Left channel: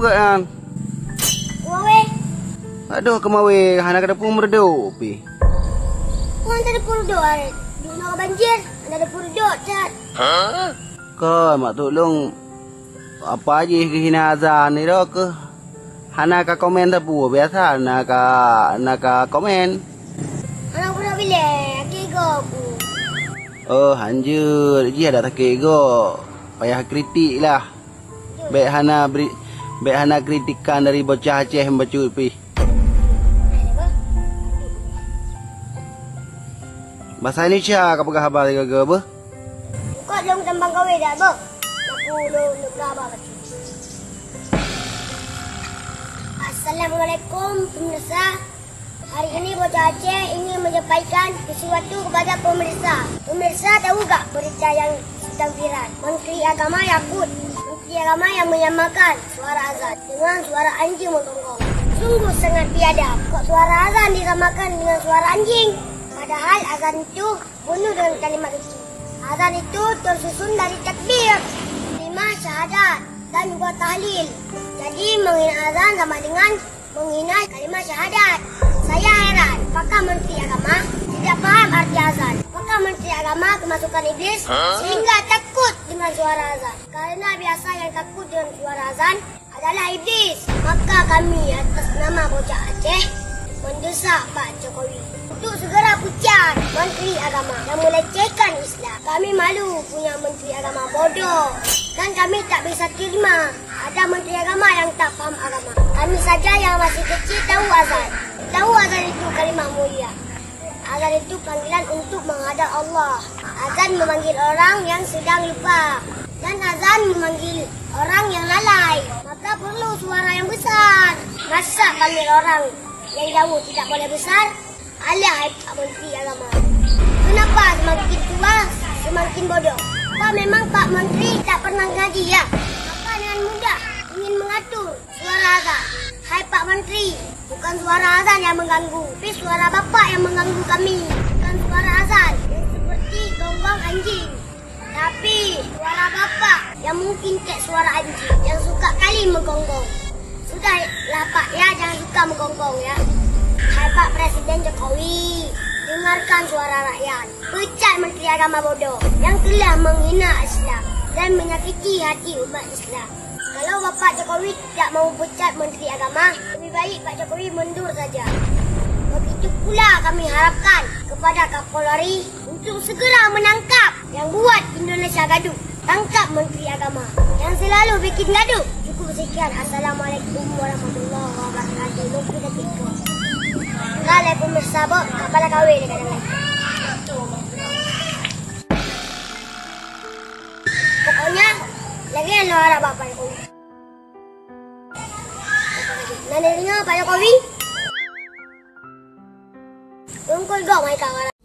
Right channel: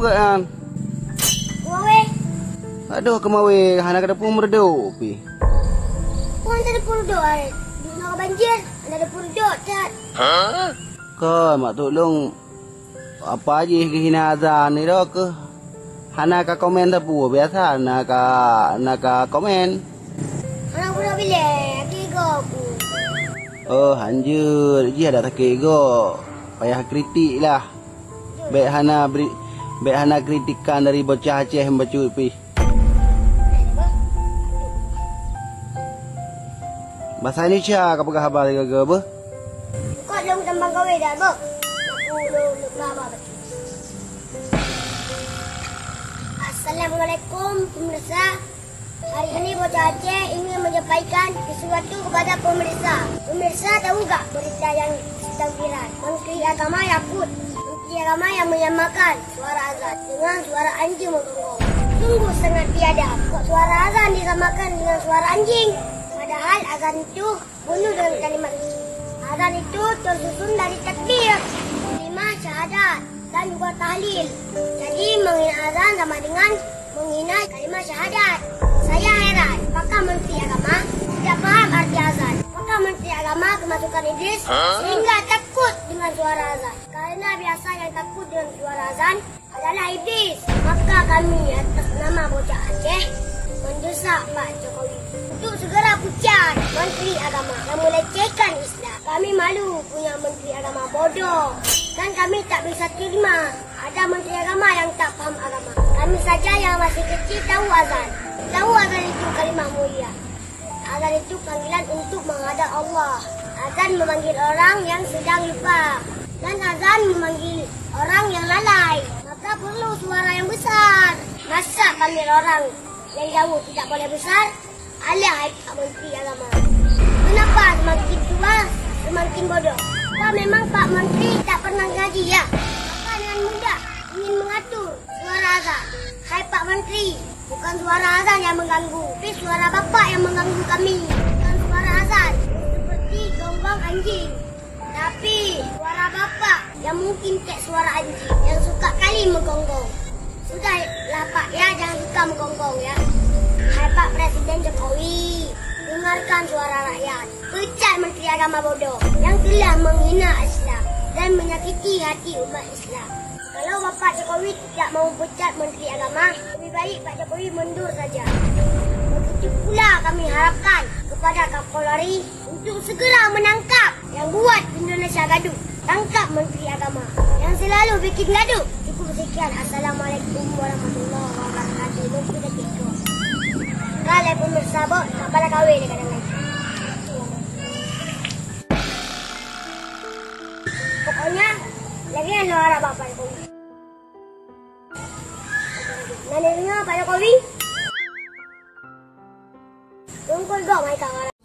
Bukan kan? Kuawe. Aduh kemawe hana kada pun meredo pi. Kau ada purdo aret. Di nak banjir, ada purdo cat. Ke mak tolong apa aja kehina azan ni dah ke. Hana ka komen tapu biasa hana ka komen. Anak purdo bila, kego aku. Oh hanjur dia ada tak kego. Payah kritik lah. Baik hana kritikan dari bocah Aceh membaca pi. Bahasa Indonesia apa khabar ke apa? Kau long tambang gawe dah, bok. Aku long berapa baca. Assalamualaikum pemirsa. Hari ini bocah Aceh ingin menyampaikan sesuatu kepada pemirsa. Pemirsa tahu tak berita yang sedang viral? Menteri Agama Yakut. Menteri Agama yang menyamakan suara azan dengan suara anjing menggonggong. Sungguh sangat biadab. Kok suara azan disamakan dengan suara anjing? Padahal azan itu penuh dengan kalimat suci. Azan itu tersusun dari takbir, 5 syahadat dan juga tahlil. Jadi menghina azan sama dengan menghina kalimat syahadat. Saya heran, apakah Menteri Agama tidak paham arti azan? Apakah Menteri Agama kemasukan iblis sehingga takut dengan suara azan? Karena biasa yang takut dengan suara azan adalah iblis. Maka kami atas nama bocah Aceh mendesak Pak Jokowi untuk segera pecat Menteri Agama yang melecehkan Islam. Kami malu punya Menteri Agama bodoh dan kami tak bisa terima ada Menteri Agama yang tak faham agama. Kami saja yang masih kecil tahu azan. Tahu azan itu kalimah mulia. Azan itu panggilan untuk menghadap Allah. Azan memanggil orang yang sedang lupa dan azan memanggil orang yang lalai. Maka perlu suara yang besar. Masa panggil orang yang jauh tidak boleh besar? Alah Pak Menteri Agama. Kenapa semakin tua semakin bodoh? Apa memang Pak Menteri tak pernah ngaji ya? Apa dengan mudah ingin mengatur suara azan? Hai Pak Menteri, bukan suara azan yang mengganggu, tapi suara Bapak yang mengganggu kami. Bukan suara azan seperti gonggong anjing, tapi suara Bapak yang mungkin kayak suara anjing yang suka kali menggonggong. Sudahlah Pak ya, jangan suka menggonggong ya. Hai Pak Presiden Jokowi, dengarkan suara rakyat. Pecat Menteri Agama bodoh yang telah menghina Islam dan menyakiti hati umat Islam. Kalau Bapak Jokowi tidak mau pecat Menteri Agama, lebih baik Pak Jokowi mundur saja. Begitu pula kami harapkan kepada Kapolri untuk segera menangkap yang buat Indonesia gaduh. Tangkap Menteri Agama yang selalu bikin gaduh. Cukup sekian. Assalamualaikum warahmatullahi wabarakatuh. Lupa kita tikung. Kalau pemirsa bok, tak pada kahwin dekat dalam. Pokoknya, lagi yang harap Pak Jokowi. Nanti dengar Pak Jokowi. Tungkol dong, hai kawan.